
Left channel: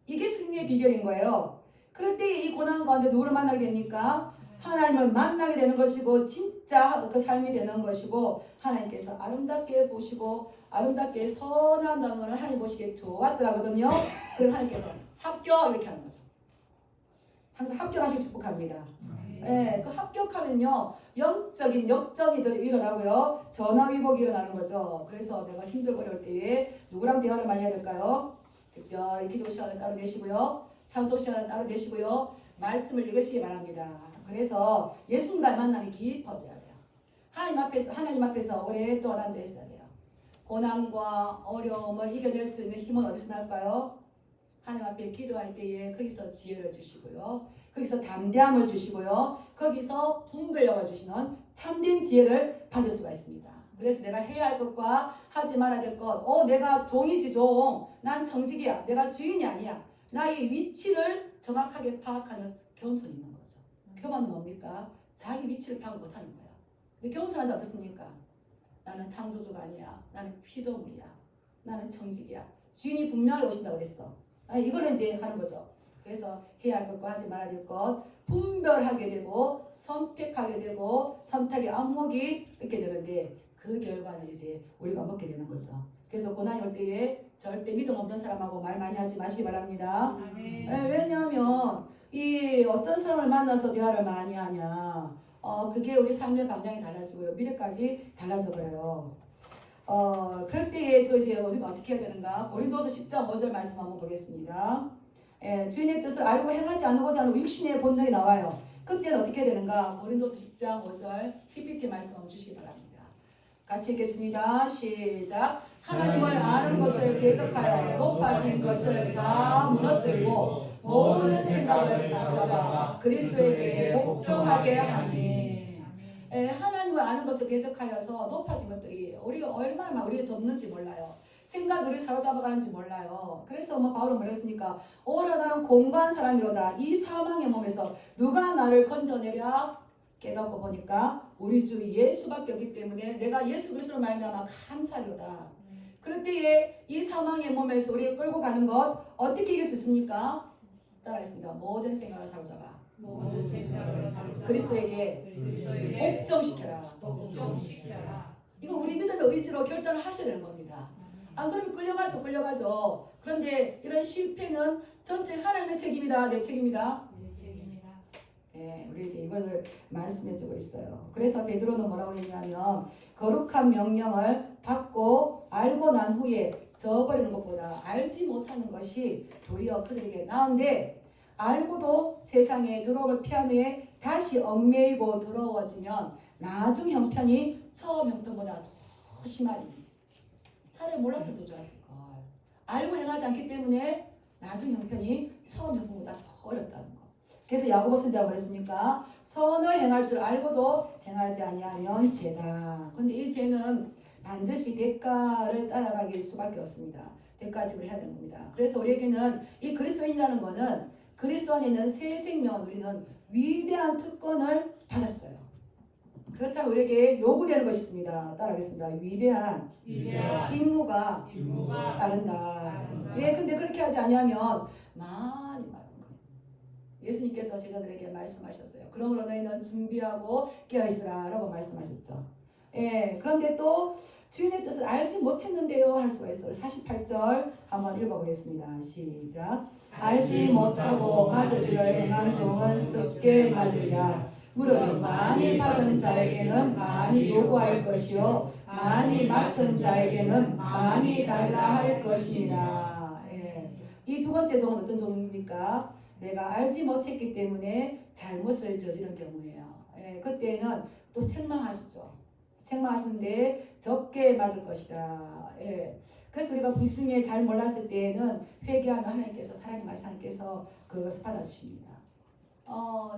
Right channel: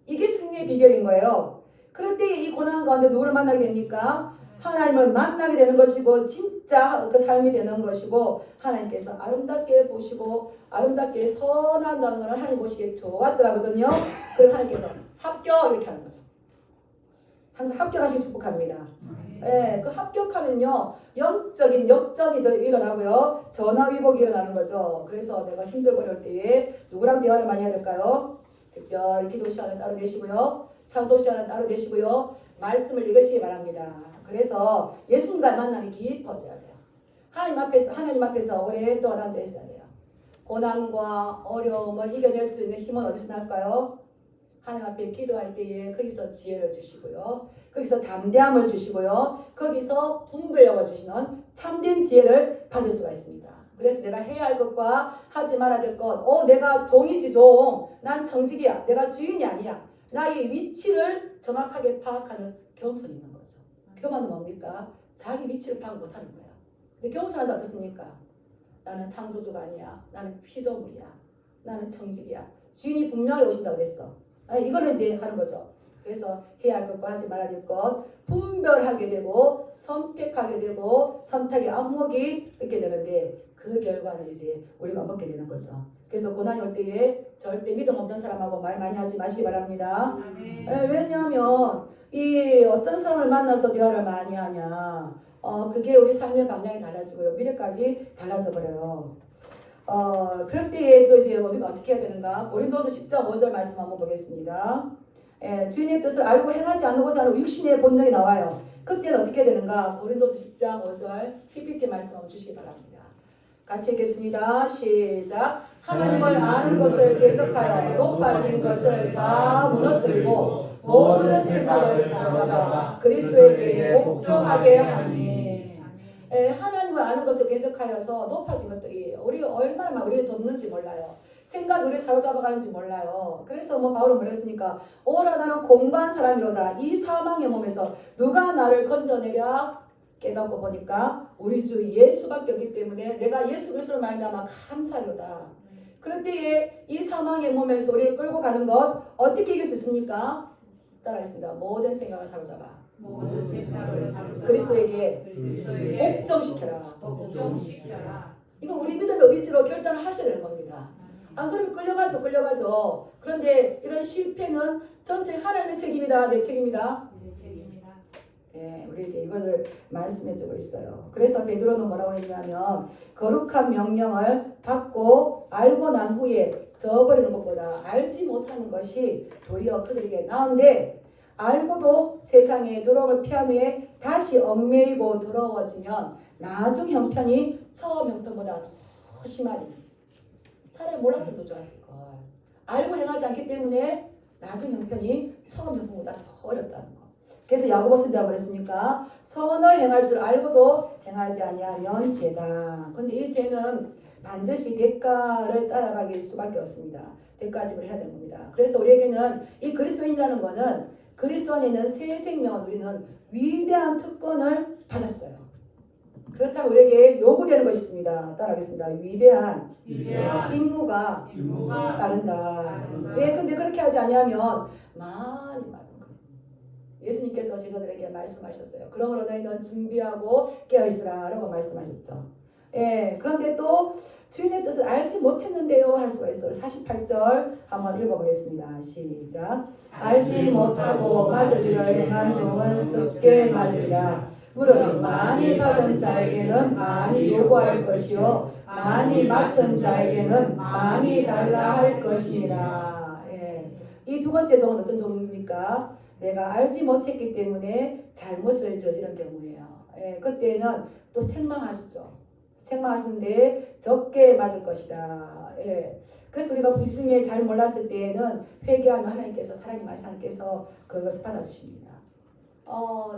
이게 승리의 비결인 거예요. 그런데 이 고난 가운데 누구를 만나게 됩니까? 하나님을 만나게 되는 것이고 진짜 그 삶이 되는 것이고 하나님께서 아름답게 보시고 아름답게 선한 단어를 하나님 보시기에 좋았더라거든요. 그럼 하나님께서 합격 이렇게 하는 거죠. 항상 합격하시고 축복합니다. 그 합격하면요 영적인 역전이 일어나고요 전화위복이 일어나는 거죠. 그래서 내가 힘들고 어려울 때에 누구랑 대화를 많이 해야 될까요? 특별히 기도 시간을 따로 계시고요 찬송 시간을 따로 계시고요 말씀을 읽으시기 바랍니다. 그래서 예수님과의 만남이 깊어져야 돼요. 하나님 앞에서 오랫동안 앉아 있어야 돼요. 고난과 어려움을 이겨낼 수 있는 힘은 어디서 날까요? 하나님 앞에 기도할 때에 거기서 지혜를 주시고요. 거기서 담대함을 주시고요. 거기서 분별력을 주시는 참된 지혜를 받을 수가 있습니다. 그래서 내가 해야 할 것과 하지 말아야 될 것. 내가 종이지 종. 난 정직이야. 내가 주인이 아니야. 나의 위치를 정확하게 파악하는 겸손이 있는 거죠. 교만은 뭡니까? 자기 위치를 파악 못하는 거예요. 근데 겸손하지 어떻습니까? 나는 창조주가 아니야. 나는 피조물이야. 나는 정직이야. 주인이 분명히 오신다고 그랬어. 이거는 이제 하는 거죠. 그래서 해야 할 것과 하지 말아야 될 것 분별하게 되고 선택하게 되고 선택의 안목이 있게 되는데 그 결과는 이제 우리가 먹게 되는 거죠. 그래서 고난이 올 때에 절대 믿음 없는 사람하고 말 많이 하지 마시기 바랍니다. 왜냐하면 이 어떤 사람을 만나서 대화를 많이 하냐 그게 우리 삶의 방향이 달라지고요 미래까지 달라져 버려요. 그럴 때에 또 이제 우리가 어떻게 해야 되는가? 고린도서 10장 5절 말씀 한번 보겠습니다. 주인의 뜻을 알고 행하지 않고자 하는 육신의 본능이 나와요. 그때는 어떻게 되는가? 고린도서 10장 5절 PPT 말씀 한번 주시기 바랍니다. 같이 읽겠습니다. 시작. 하나님을 아는 것을 계속하여 높아진 것을 다 무너뜨리고 모든 생각을 찾아가 그리스도에게 복종하게 하니. 하나님을 아는 것을 계속하여서 높아진 것들이 우리가 얼마나 우리를 덮는지 몰라요. 생각이 우리 사로잡아가는지 몰라요. 그래서 뭐 바울은 뭐랬습니까? 오라 나는 공고한 사람이로다. 이 사망의 몸에서 누가 나를 건져내랴? 깨닫고 보니까 우리 주 예수밖에 없기 때문에 내가 예수 그리스도를 말미암아 감사하로다. 그럴 때에 이 사망의 몸에서 우리를 끌고 가는 것 어떻게 이길 수 있습니까? 따라했습니다. 모든 생각을 사로잡아. 그리스도에게 옥정시켜라. 이거 우리 믿음의 의지로 결단을 하셔야 되는 겁니다. 안 그러면 끌려가죠. 그런데 이런 실패는 전체 하나님의 책임이다. 내 책임이다. 예, 우리에게 이걸 말씀해주고 있어요. 그래서 베드로는 뭐라고 했냐면 거룩한 명령을 받고 알고 난 후에 저버리는 것보다 알지 못하는 것이 도리어 그들에게 나은데 알고도 세상의 두려움을 피한 후에 다시 얽매이고 더러워지면 나중 형편이 처음 형편보다 더 심하니 차라리 몰랐으면 더 좋았을걸. 알고 행하지 않기 때문에 나중 형편이 처음 형편보다 더 어렵다는 거. 그래서 야고보 선지자가 그랬습니까? 선을 행할 줄 알고도 행하지 아니하면 죄다. 그런데 이 죄는 반드시 대가를 따라가길 수밖에 없습니다. 대가 지불을 해야 되는 겁니다. 그래서 우리에게는 이 그리스도인이라는 것은 그리스도 안에 있는 새 생명을 우리는 위대한 특권을 받았어요. 그렇다면 우리에게 요구되는 것이 있습니다. 따라하겠습니다. 위대한 임무가 따른다. 왜 근데 그렇게 하지 아니하면 많이 받은 거예요. 예수님께서 제자들에게 말씀하셨어요. 그러므로 너희는 준비하고 깨어있으라 라고 말씀하셨죠. 예, 그런데 또 주인의 뜻을 알지 못했는데요 할 수가 있어요. 48절 한번 읽어보겠습니다. 시작. 알지 못하고 맞으리라 행한 종은 적게 맞으리라. 무릇 많이 받은 자에게는 많이 요구할 것이요 많이 맡은 자에게는 많이 달라 할 것이니라. 예. 이 두 번째 종은 어떤 종입니까? 내가 알지 못했기 때문에 잘못을 저지른 경우예요. 예. 그때는 또 책망하시죠. 책망하시는데 적게 맞을 것이다. 예. 그래서 우리가 부중에 잘 몰랐을 때에는 회개하면 하나님께서 사랑의 하나님께서 그것을 받아주십니다.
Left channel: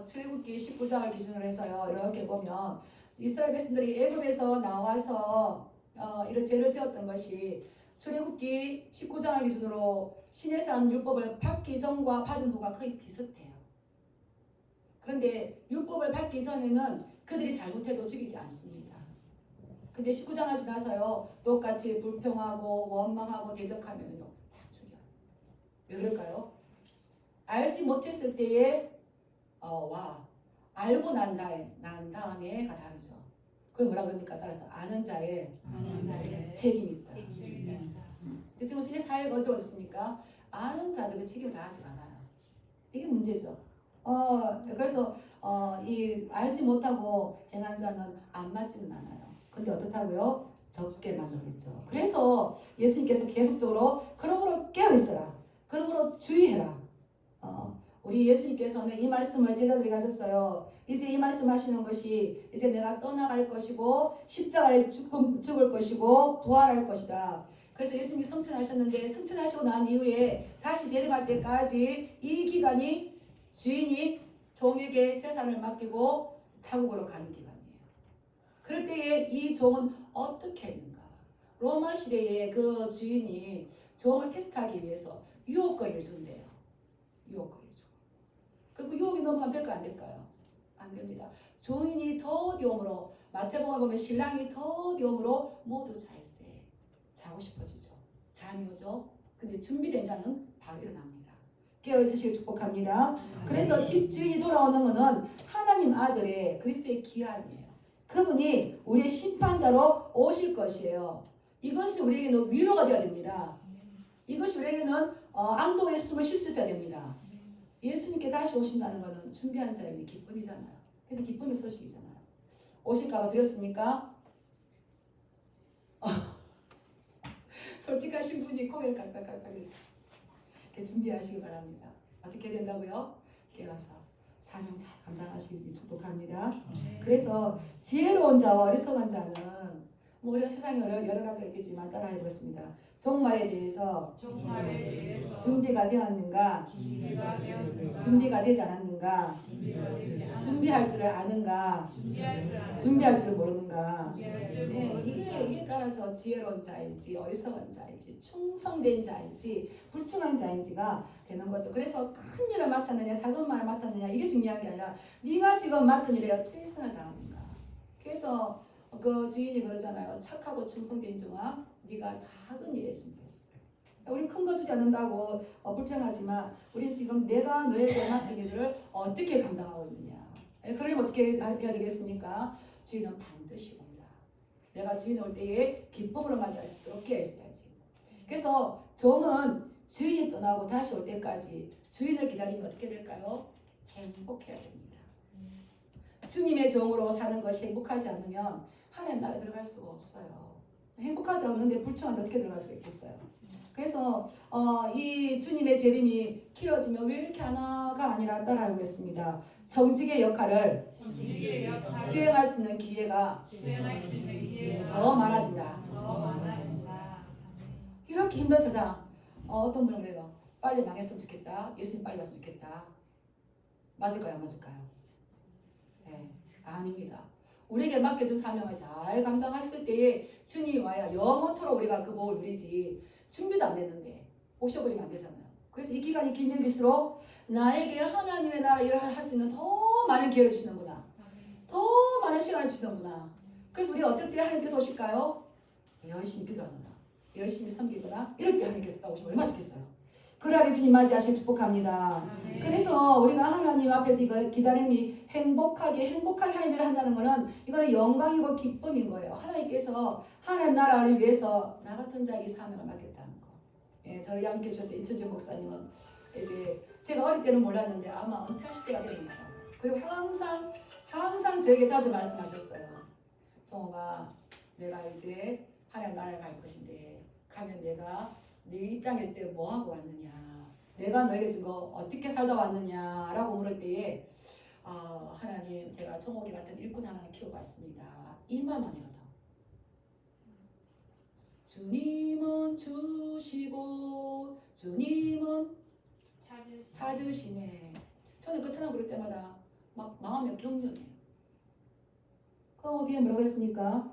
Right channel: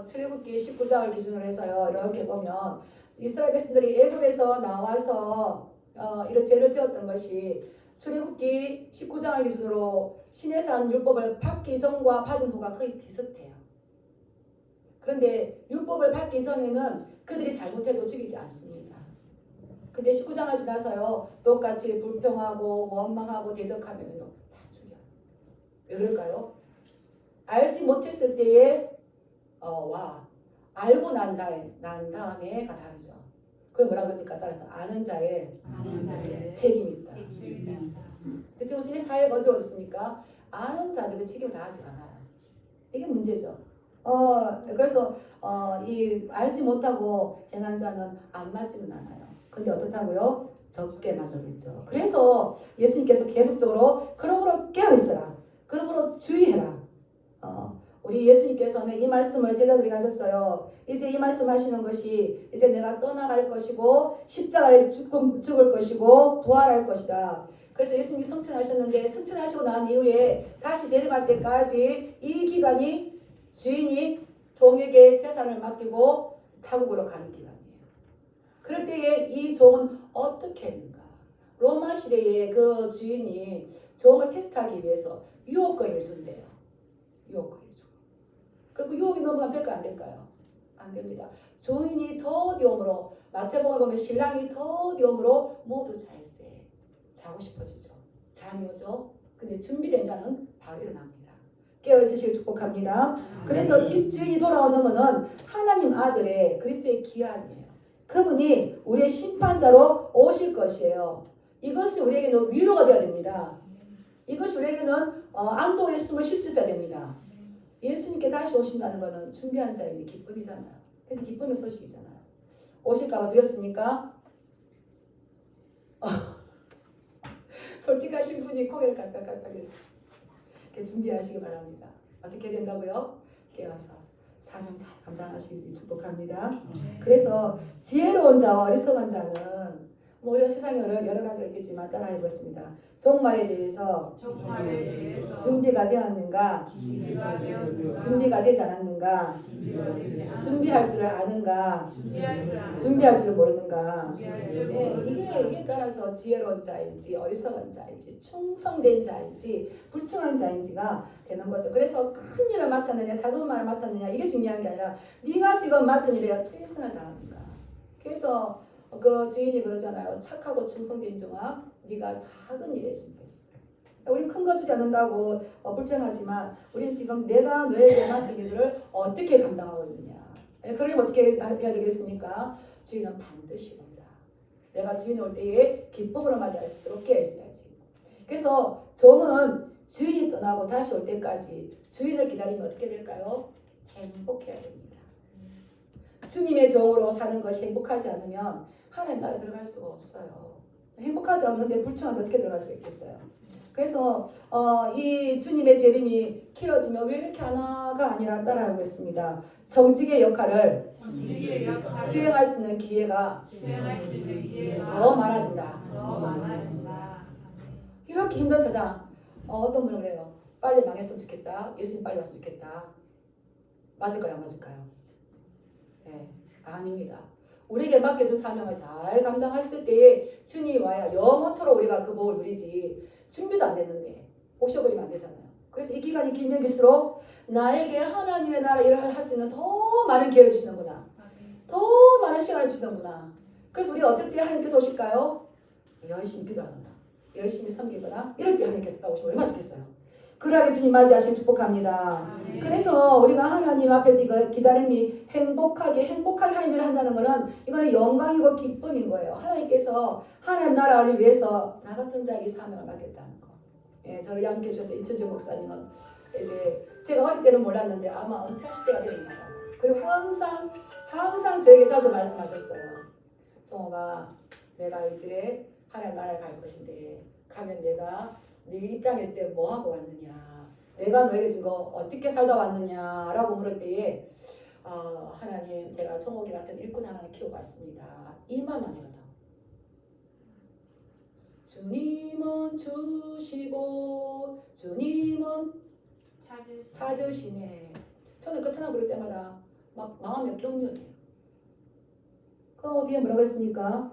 출애굽기 19장을 기준으로 해서요. 이렇게 보면 이스라엘 백성들이 애굽에서 나와서 이런 죄를 지었던 것이 출애굽기 19장을 기준으로 시내산 율법을 받기 전과 받은 후가 거의 비슷해요. 그런데 율법을 받기 전에는 그들이 잘못해도 죽이지 않습니다. 근데 19장을 지나서요. 똑같이 불평하고 원망하고 대적하면요. 다 죽여요. 왜 그럴까요? 알지 못했을 때에 알고 난 다음에가 다르죠. 그걸 뭐라 그럽니까? 따라서 아는 자의 책임이 있다. 근데 지금 이 사회가 어지러워졌으니까 아는 자들이 책임을 다하지 않아요. 이게 문제죠. 그래서 이 알지 못하고 행한 자는 안 맞지는 않아요. 근데 어떻다고요? 적게 만들겠죠. 그래서 예수님께서 계속적으로 그러므로 깨어있어라. 그러므로 주의해라. 우리 예수님께서는 이 말씀을 제자들에게 하셨어요. 이제 이 말씀 하시는 것이 이제 내가 떠나갈 것이고 십자가에 죽을 것이고 부활할 것이다. 그래서 예수님이 승천하셨는데 승천하시고 난 이후에 다시 재림할 때까지 이 기간이 주인이 종에게 재산을 맡기고 타국으로 가는 기간이에요. 그럴 때에 이 종은 어떻게 했는가? 로마 시대에 그 주인이 종을 테스트하기 위해서 유혹거리를 준대요. 유혹거리. 그 유혹이 넘어가면 될까 안 될까요? 안 됩니다. 종인이 더디움으로 마태복음을 보면 신랑이 더디움으로 모두 잘세 자고 싶어지죠. 잠이 오죠. 근데 준비된 자는 바로 일어납니다. 깨어있으시길 축복합니다. 그래서 집 주인이 돌아오는 것은 하나님 아들의 그리스도의 기한이에요. 그분이 우리의 심판자로 오실 것이에요. 이것이 우리에게는 위로가 되어야 됩니다. 이것이 우리에게는 안도의 숨을 쉴 수 있어야 됩니다. 예수님께 다시 오신다는 것은 준비한 자에게 기쁨이잖아요. 그래서 기쁨의 소식이잖아요. 오실까봐 두렵습니까? 솔직하신 분이 고개를 깍깍깍깍했어요. 준비하시기 바랍니다. 어떻게 된다고요? 깨어서 사명 잘 감당하시기 축복합니다. 그래서 지혜로운 자와 어리석은 자는 우리가 세상에 여러 가지가 있겠지만 따라해보겠습니다. 종말에 대해서 준비가 되었는가? 준비가 되지 않았는가? 준비할 줄을 아는가? 준비할 줄을 모르는가? 이게 따라서 지혜로운 자인지 어리석은 자인지 충성된 자인지 불충한 자인지가 되는 거죠. 그래서 큰 일을 맡았느냐 작은 말을 맡았느냐 이게 중요한 게 아니라 네가 지금 맡은 일에 최선을 다하는가. 그래서 그 주인이 그러잖아요. 착하고 충성된 종아 네가 작은 일에 준비했어. 우리 큰 거 주지 않는다고 불편하지만 우리는 지금 내가 너에게 맡긴 일들을 어떻게 감당하고 있느냐. 그러면 어떻게 해야 되겠습니까? 주인은 반드시 온다. 내가 주인 올 때에 기쁨으로 맞이할 수 있도록 깨어 있어야지. 그래서 종은 주인이 떠나고 다시 올 때까지 주인을 기다리면 어떻게 될까요? 행복해야 됩니다. 주님의 종으로 사는 것이 행복하지 않으면 하나님 나라에 들어갈 수가 없어요. 행복하지 않는데 불충한데 어떻게 들어갈 수가 있겠어요. 그래서 이 주님의 재림이 길어지면 왜 이렇게 하나가 아니라 따라하고 있습니다. 정직의 역할을 수행할 수 있는 기회가 더 많아진다. 이렇게 힘든 세상 어떤 분은 그래요. 빨리 망했으면 좋겠다. 예수님 빨리 왔으면 좋겠다. 맞을까요? 안 맞을까요? 네, 아닙니다. 우리에게 맡겨준 사명을 잘 감당했을 때에 주님이 와야 영원토록 우리가 그 복을 누리지. 준비도 안 됐는데 오셔버리면 안 되잖아요. 그래서 이 기간이 길면 길수록 나에게 하나님의 나라 일을 할 수 있는 더 많은 기회를 주시는구나. 더 많은 시간을 주시는구나. 그래서 우리가 어떨 때 하나님께서 오실까요? 열심히 기도하거나 열심히 섬기거나 이럴 때 하나님께서 오시면 얼마나 좋겠어요. 그러하게 주님 맞이하시길 축복합니다. 그래서 우리가 하나님 앞에서 이거 기다림이 행복하게 하나님을 한다는 것은 이거는 영광이고 기쁨인 거예요. 하나님께서 하나님 나라를 위해서 나 같은 자에게 사명을 맡겼다는 거. 예, 저를 양육해 주셨던 이천주 목사님은 이제 제가 어릴 때는 몰랐는데 아마 은퇴하실 때가 됩니다. 그리고 항상 저에게 자주 말씀하셨어요. 정호가 내가 이제 하나님 나라에 갈 것인데 가면 내가 네 이 땅에 있을 때 뭐 하고 왔느냐, 내가 너에게 준 거 어떻게 살다 왔느냐라고 물을 때에 하나님 제가 정옥이 같은 일꾼 하나를 키우고 왔습니다. 이 말만 해거든. 주님은 주시고 주님은 찾으시네. 저는 그 찬양 부를 때마다 막 마음이 격렬해요. 그 뒤에 뭐라고 했습니까?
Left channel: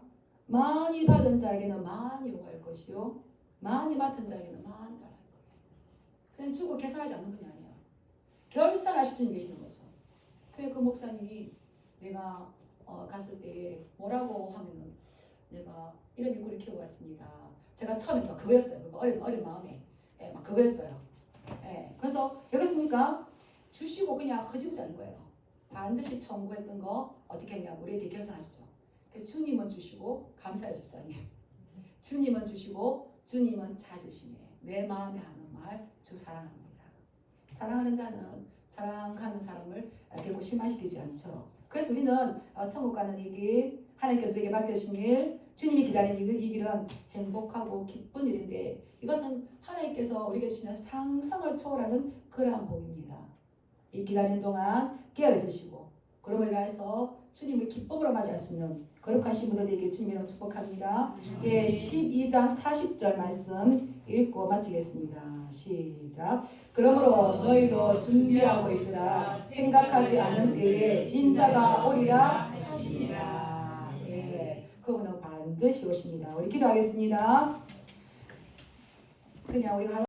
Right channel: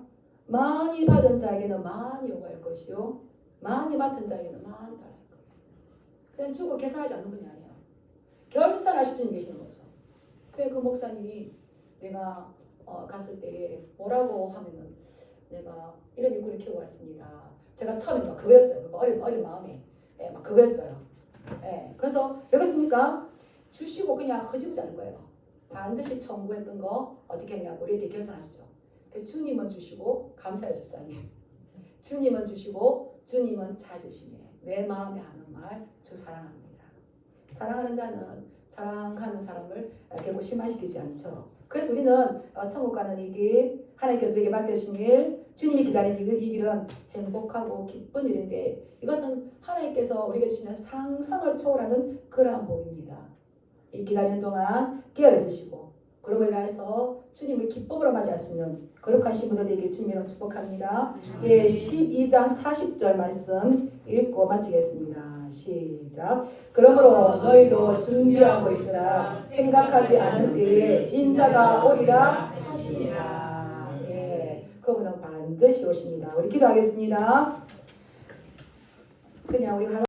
많이 받은 자에게는 많이 요구할 것이요 많이 맡은 자에게는 많이 달할 것. 그냥 주고 계산하지 않는 분이 아니에요. 결산하실 주님 계시는 거죠. 그래 그 목사님이 내가 갔을 때에 뭐라고 하면은 내가 이런 일꾼을 키우고 왔습니다. 제가 처음에 그거였어요. 그거 어린 마음에 막 그거였어요. 그래서 왜 그렇습니까? 주시고 그냥 허지부지 않은 거예요. 반드시 청구했던 거 어떻게 했냐고 우리에게 결산하시죠. 주님은 주시고 감사해 주사님. 주님은 주시고 주님은 찾으시네. 내 마음에 하는 말 주 사랑합니다. 사랑하는 자는 사랑하는 사람을 결국 실망시키지 않죠. 그래서 우리는 천국 가는 이 길, 하나님께서 우리에게 맡겨주신 일, 주님이 기다리는 이 길은 행복하고 기쁜 일인데 이것은 하나님께서 우리에게 주시는 상상을 초월하는 그러한 복입니다. 이 기다리는 동안 깨어있으시고 그러므로 인해서 주님을 기쁨으로 맞이할 수 있는 거룩한 신부들에게 주님으로 축복합니다. 12장 40절 말씀 읽고 마치겠습니다. 시작. 그러므로 너희도 준비하고 있으라. 생각하지 않은 때에 인자가 오리라 하시니라. 그분은 반드시 오십니다. 우리 기도하겠습니다. 그냥 우리